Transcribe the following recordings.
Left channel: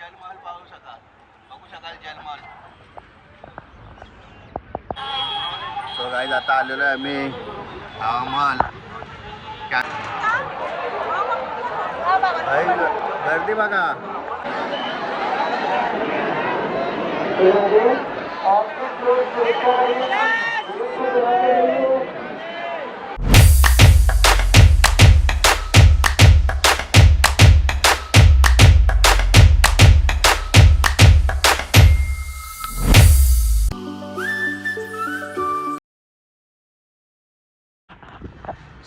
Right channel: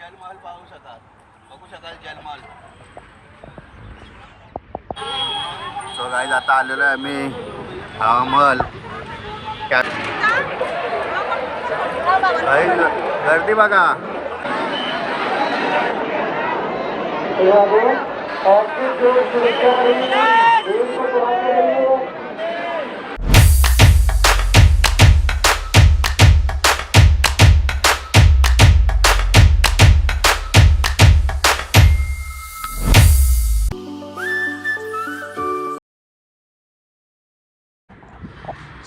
जलमहल पाहू शकाल, बघू शकाल जलमहल. सो गाईज आता आलेलो आहे आम्ही हवामहल. गर्दी बघा.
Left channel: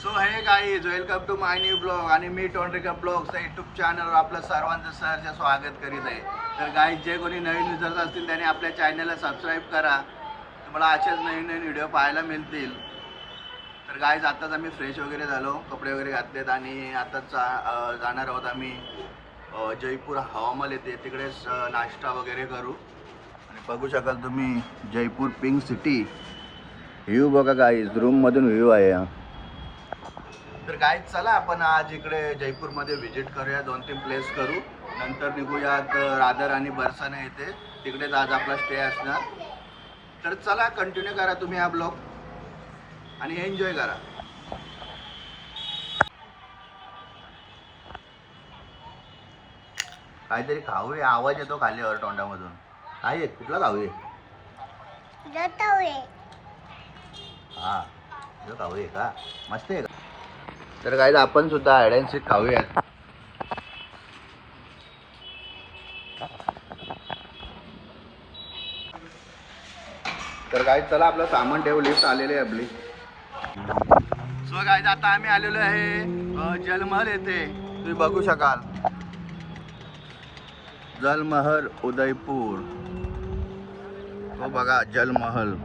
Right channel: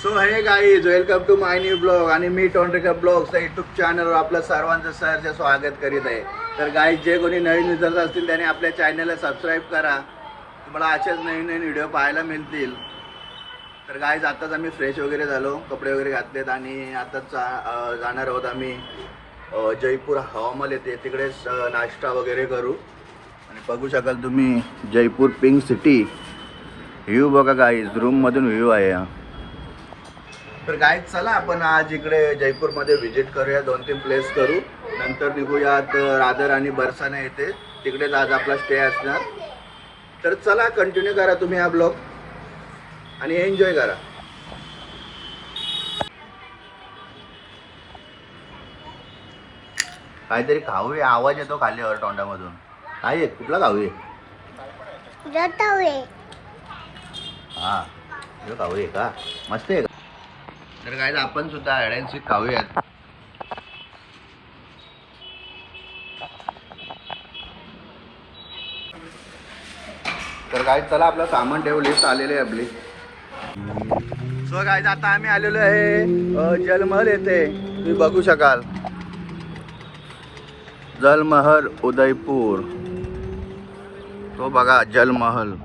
So hey guys, welcome to my new blog आणि मी टोंडरेकर ब्लॉग्स यूट्यूब चॅनलवर आपलं सर्वांचं सहर्ष स्वागत करीत आहे. तर गाईज, जे कोणी नवीन युजर्स असतील त्याने आपल्या चॅनलला सबस्क्राईब करा. तुम्हाला असेच नवीन नवीन व्हिडिओ पाहायला मिळतील. तर गाईज, आताच आम्ही फ्रेश वगैरे झालो, कपडे वगैरे घातलेत आणि आताच जाणार आहोत आम्ही जयपूर हवामहल येते, तिकडेच नाश्ता वगैरे करू. आणि बघू शकाल तुम्ही जयपूर पिंक सिटी. व्ह्यू बघा गाईज, रूममधून व्ह्यू आहे. तर गाईज, चला आपण आज इकडे जयपूरमध्ये व्हिजिट करूया, 2-3 प्लेस करू. नंतर निघूयात रादर आणि बरसाना येते, तिकडेच आज आपला स्टे असणार. तर चला, कंटिन्यू करा तुम्ही हा ब्लॉग आणि एन्जॉय करा. काहीतरी खाऊया, आवाज येतो खालीवर तोंडामधून. काय आहे, कुठला खाऊया? हा, खाऊया का? मस्त आहे का? तर काय, आपण सुद्धा हाईड अँड सीक खाऊयात. तर काय, चला, आपलं सामान ठेवू, लिस्ट आलेली आहे आपली. सो गाईज, आता आम्ही आलेलो आहे जलमहल येथे, तुम्ही बघू शकाल. जलमहल उदयपूर, तो बघा जलमहल.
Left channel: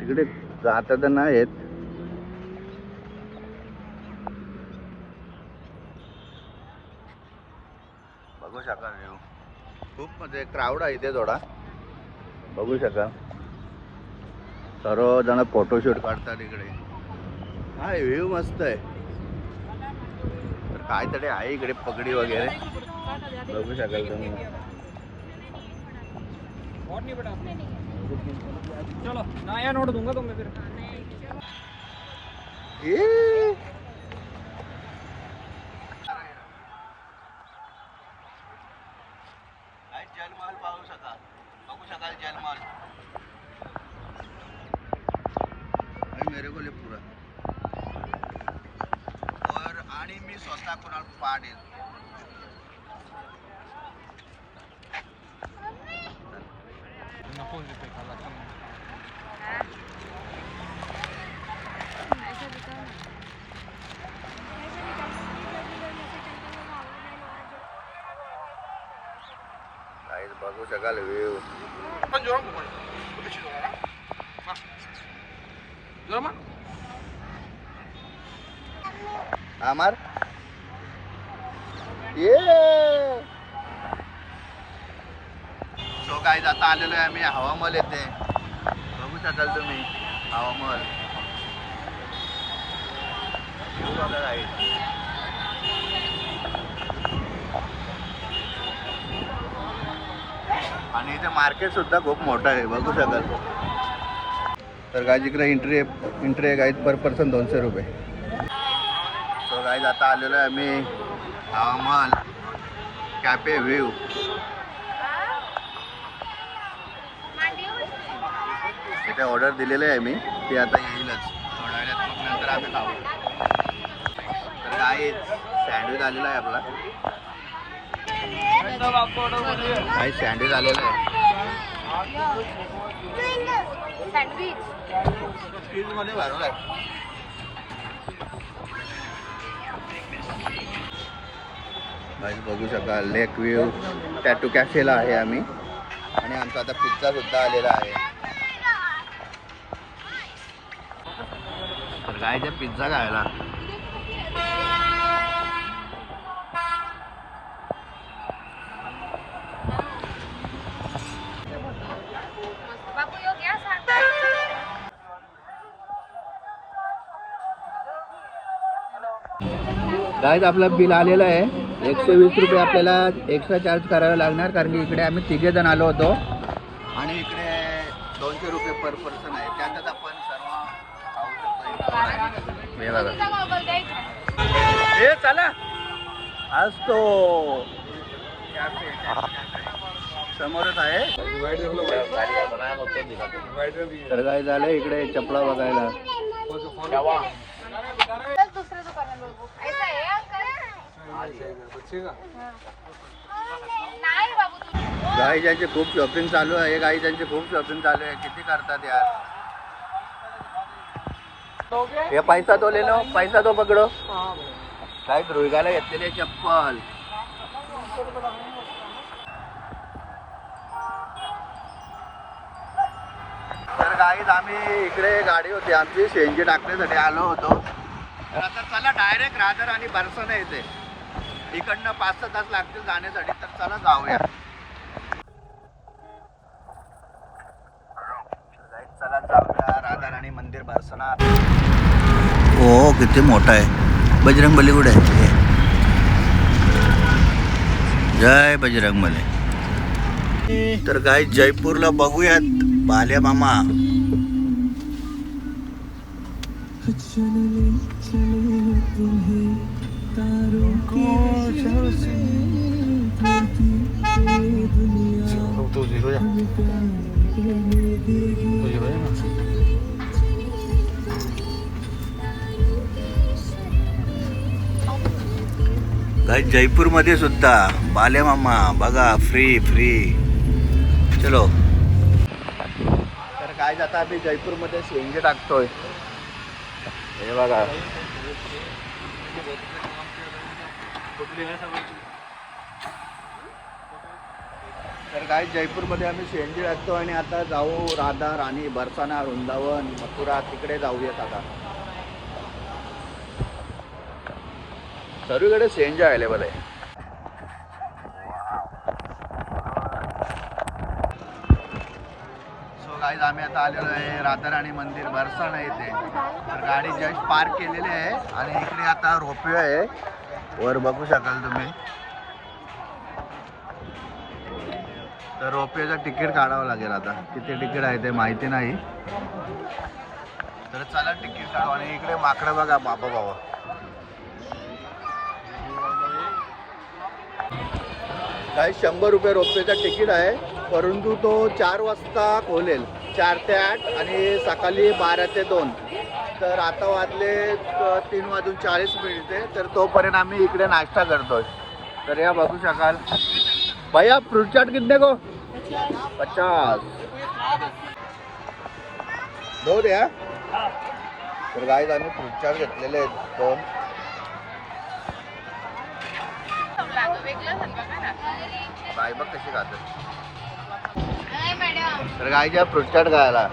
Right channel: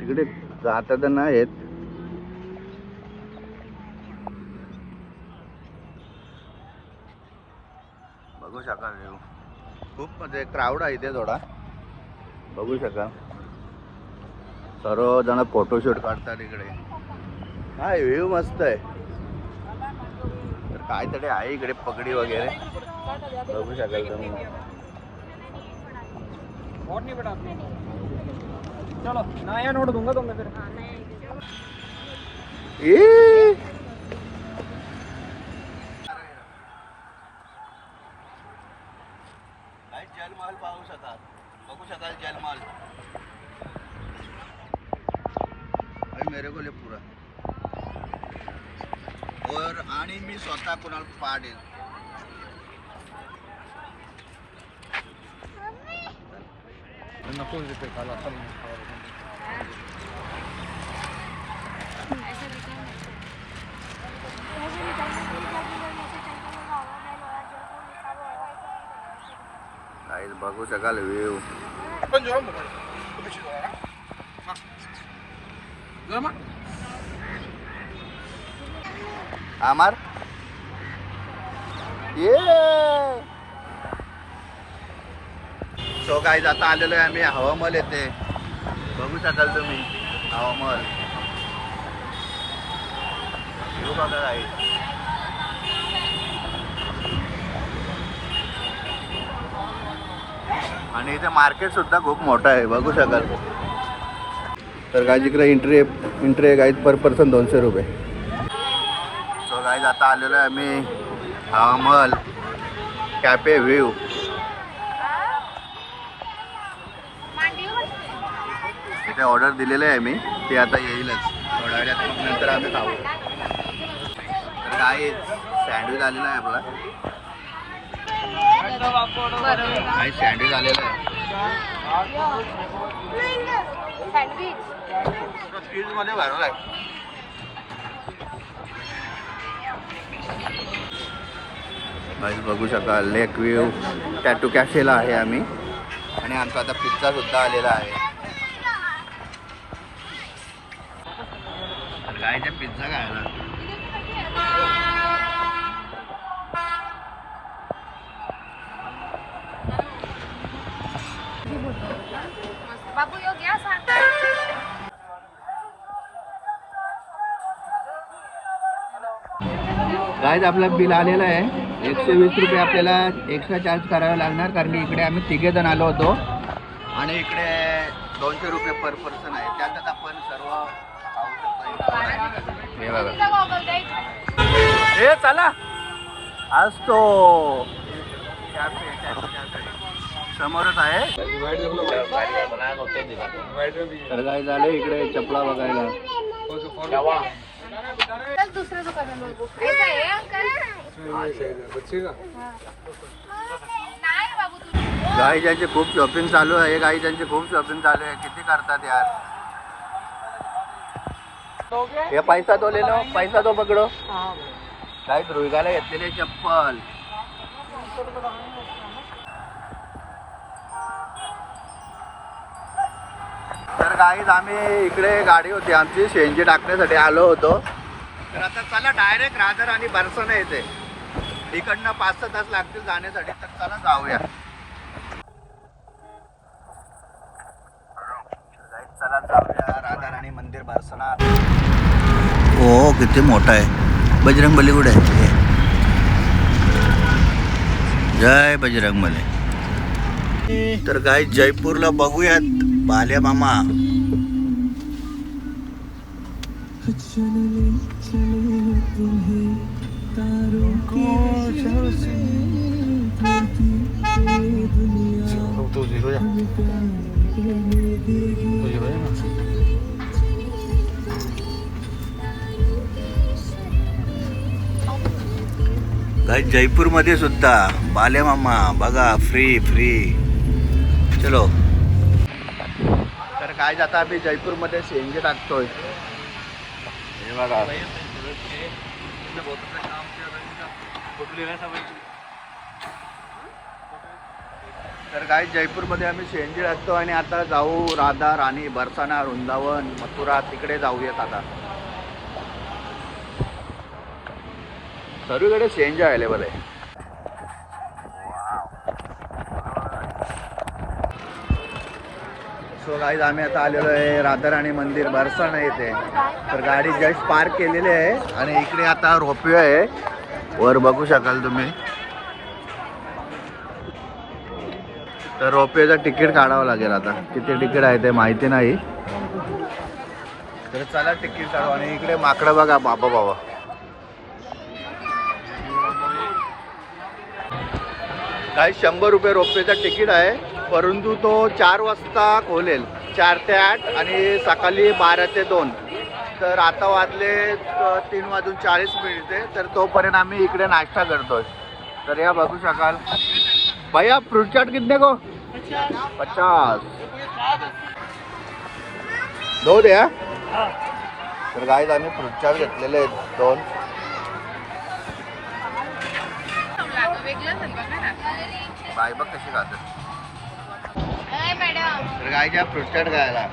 तिकडे जाता तर नाही येत. बघू शकाल व्ह्यू, खूप म्हणजे क्राऊड आहे इथे थोडा. बघू शकाल सर्वजण फोटोशूट काढतात इकडे. हा, व्ह्यू मस्त आहे. तर काहीतरी आहे इकडे, पगडी वगैरे बघू शकाल तुम्ही. चलो नया नोट दूंगा तुमको फिर. जलमहल पाहू शकाल, बघू शकाल जलमहल. अभी मेरे को ले पूरा. और आणि मी स्वतः कुणाला पाडेल. नको तिथे खाला चल. गाईज, बघू शकाल व्ह्यू. आमार ये. सो गाईज, आता आलेलो आहे आम्ही हवामहल येथे, बघू शकाल तुम्ही हवामहल. व्ह्यू बघा गाईज. आणि इथे मार्केट सुद्धा खूप मोठं आहे, बघू शकाल. तर गाईज, इकडे एंट्री गाईज पर पर्सन 200 रुपये. सो गाईज, आता आलेलो आहे आम्ही हवामहल कॅफे व्ह्यू. इथे ऑर्डर दिलेलं आहे मी, ते आता येईलच थोड्या वेळात, मग नंतर आम्ही खाऊ. तर गाईज, सँडविच आलेला आहे आपला. काही सँडविच आलेलं आहे चीज मध्ये भरवलं आहे. बघू शकाल लेक व्ह्यू टॅटू कॅफेला आहे आम्ही. आणि आता पिझ्झा सुद्धा आलेला आहे. काय ते पिझ्झा खायला. बाबू यो गया सांगता. गाइस, आपलं बिल आलेलं आहे 120 रुपये आपल्याला एक्स्ट्रा चार्ज करावे लागणार, कारण की इकडे आम्ही 3 जण आलो होतो आणि इकडे 200 रुपये पर पर्सन आहे. त्यातच आपण सर्व खाऊ शकतो. हे बघा, हे चला असतो समोरच आहे. तर काय झालं इकडे चपला बघायला. चल दूसरे दुकान में बघू. ऐसा है अंकल? नाही बाबू तू. काही ज्यांची खूप शॉपिंग चालू आहे, काही ज्यांची खूप शॉपिंग चालू आहे. किती करतात यार. हे पैसा तो ले लो, पैसा तो पकडो. काय रोहिगाला घेतलेले चप्पल. तर गाईज आम्ही इकडे गाडी होती आमची शेंजी टाकण्यासाठी आलो होतो. तर आता चला डायरेक्ट रादर आणि बरसाना येते. इकडनं 5-6 तास लागतील जाण्यासाठी. तर चला जाऊया. चला जाऊया राधा राणी मंदिर बरसाना. हो किती मोठा आहे. बजरंगबली कुठे आहे. जय बजरंगबली. तर काय जयपूरला बघूयात बाल्या मामा. काय जयपूर मध्ये सुद्धा बाल्या मामा बघा फ्री फ्री. चलो. तर काय जाता आम्ही जयपूर मध्ये शेंगे टाकतोय. हे बघा. तर काय जयपूर मध्ये आम्ही शेंगे टाकतो आणि आता जाऊ राधा राणी बरसाना वृंदावन मथुरा तिकडे जाऊयात. आता सर्वीकडे शेंगे अवेलेबल आहे. सो गाईज आम्ही आता आलेलो आहे राधा राणी मंदिर बरसाना येथे. तर गाडी जस्ट पार्क केलेली आहे आणि इकडे आता रोपवे आहे. वर बघू शकाल तुम्ही. तर रोपवेचं तिकीट काढावं लागेल. आता किती तिकीट आहे ते माहिती नाही. तर चला तिकीट काढू. आणि इकडे माकडं बघा बाबा बाबा. काही 100 रुपये रोपवेचा तिकीट आहे, परंतु तो 4 वाजता खोलेल. 4 ते 8 आणि सकाळी 12 ते 2. तर आता वाजले 3:40. तर तोपर्यंत आम्ही इकडे नाश्ता करतोय. तर या बघू शकाल. भैया फ्रूट चाट कितने को 50. 2 द्या. तर गाईज आम्ही फ्रूट चाट घेतलेले आहेत 2. बाय बघ कशी खातात. तर गाईच्या फ्रूट चाट खायला.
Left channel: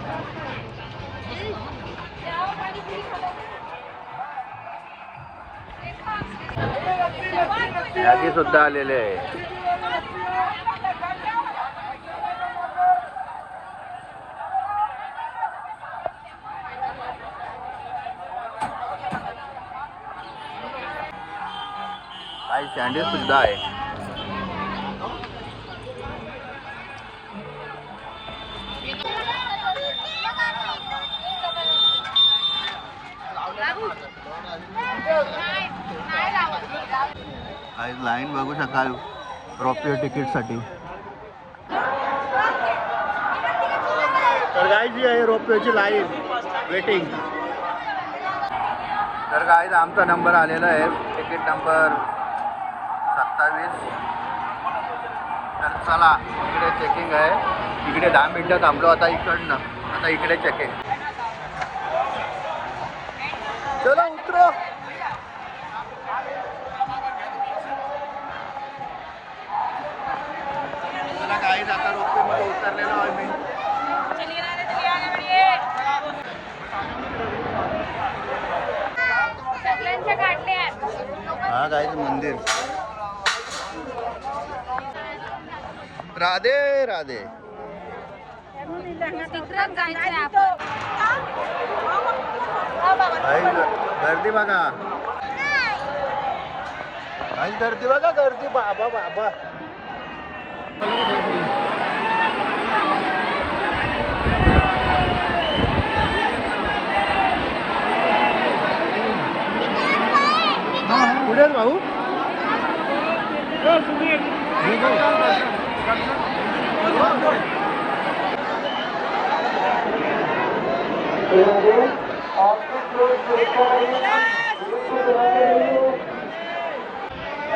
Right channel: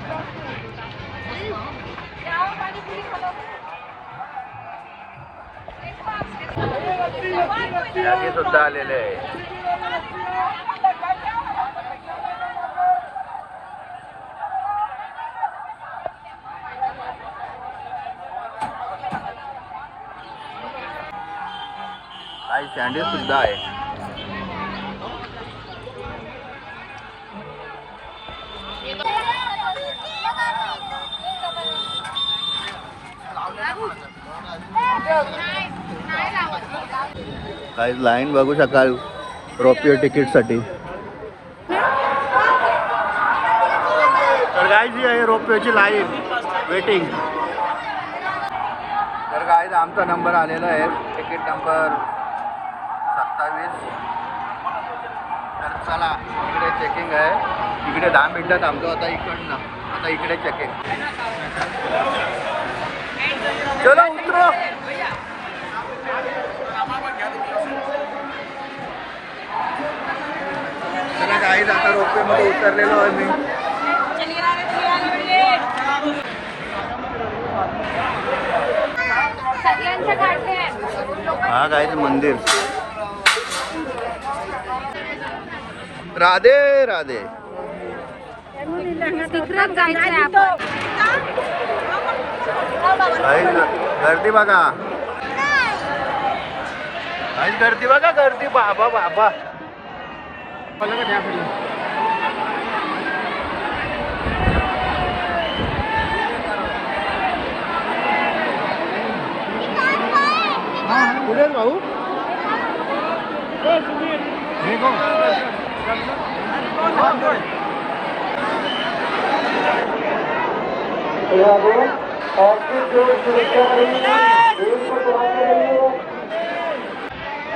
मॅगी सुद्धा आलेले आहे. काही सँडविच सुद्धा आहे. काही लाईन बघू शकाल रोपवे तिकीटसाठी. रोपवेची लाईन वेटिंग. तर काय आमचा नंबर आलेला आहे. Ticket number 27. तर चला इकडे चेकिंग आहे. इकडे 10 मिनिटं थांबलो. आता इकडनं आता इकडे चेकिंग. चलो चला गाईज आता रोपवे मध्ये उतरलेलो आहे मी. हा गाईज मंदिर. राधे राधे. गर्दी बघा. गर्दी बघा गर्दी बाबा बाबा.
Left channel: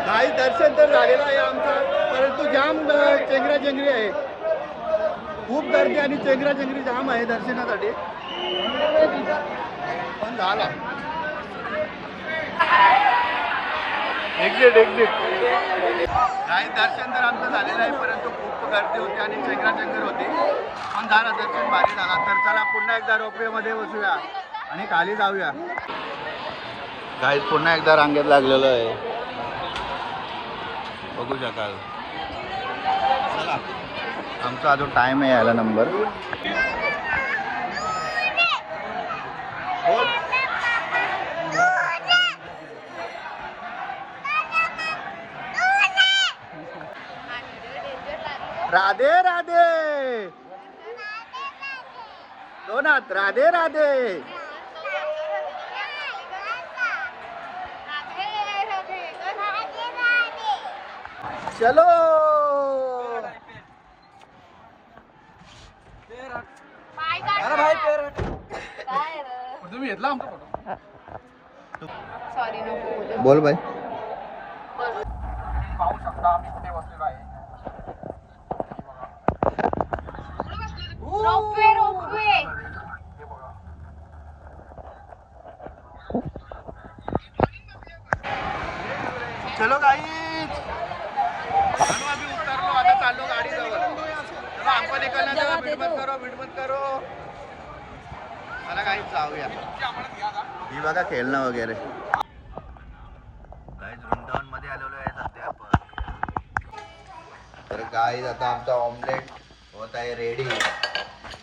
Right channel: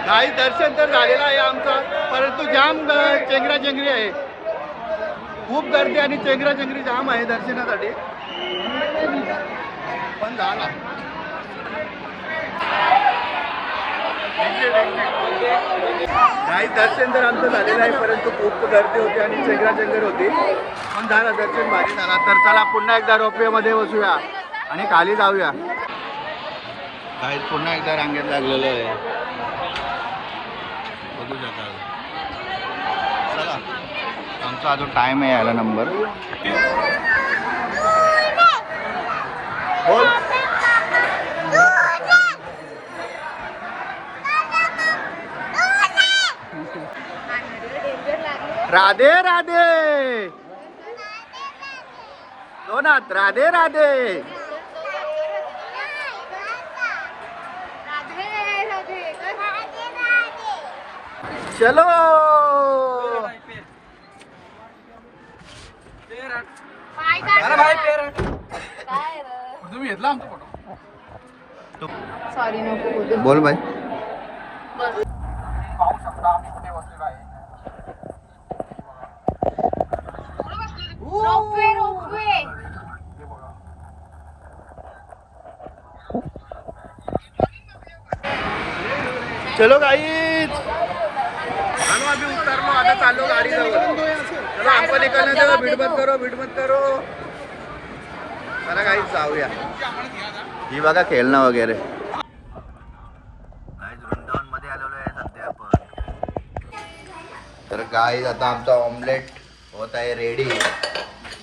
काही दर्शन तर झालेलं आहे आमचं, परंतु जाम चेंगराचेंगरी आहे. खूप गर्दी आणि चेंगराचेंगरी जाम आहे दर्शनासाठी. पण झाला एक्झिट एक्झिट. काही दर्शन तर आमचं झालेलं आहे, परंतु खूप गर्दी होती आणि चेंगराचेंगर होती. पण झालं दर्शन भारी झाला. तर चला पुन्हा एकदा रोपवेमध्ये बसूया आणि खाली जाऊया. काहीच पुन्हा एकदा रांगेत लागलेलं आहे, बघू शकाल. चला आमचा अजून टाइम आहे यायला. नंबर बोल. राधे राधे लोनाथ. राधे राधे. चलो पाय काढ. तुम्ही घेतला आमचा फोटो. सॉरी नको बोलू. बोल बाई. पाहू शकता आम्ही कुठे बसलेलो आहे. Ropeway ropeway. हे बघा. चलो गाईज, चलो अभी उतरलो, आता चाललो गाडी जवळ. चलो आपण निकलना देव. भीड मत करो, भीड मत करो. चला गाईज जाऊया. ही बघा खेळणं वगैरे. गाईज वृंदावन मध्ये आलेलो आहे सध्या आपण. तर गाईज आता आमचा ऑमलेट होत आहे रेडी.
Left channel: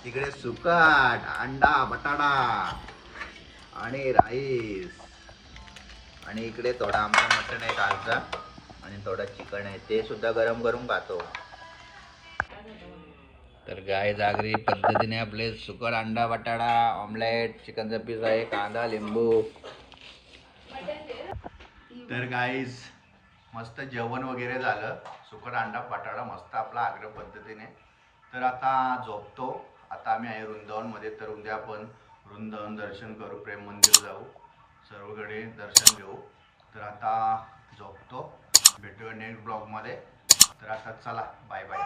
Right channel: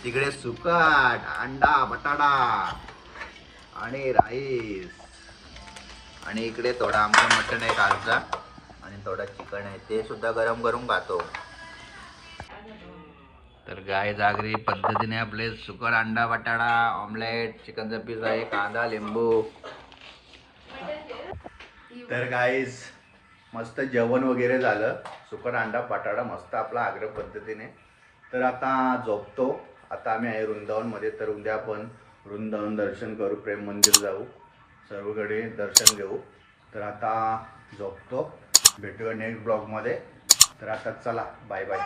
तिकडे सुकट, अंडा, बटाटा आणि राईस. आणि इकडे थोडा आमचं मटण आहे कालचा आणि थोडा चिकन आहे, ते सुद्धा गरम करून खातो. तर गाय जागरी पद्धतीने आपले सुकट, अंडा, बटाटा, ऑमलेट, चिकनचा पीस आहे, कांदा, लिंबू. तर गाईज मस्त जेवण वगैरे झालं. सुकट, अंडा, बटाटा मस्त आपला आग्रह पद्धतीने. तर आता झोपतो. आता आम्ही आहे वृंदावनमध्ये. तर उद्या आपण वृंदावन दर्शन करू, प्रेम मंदिर जाऊ, सर्वकडे दर्शन घेऊ. तर आता झोपतो. भेटूया नेक्स्ट ब्लॉगमध्ये. तर आता चला बाय बाय.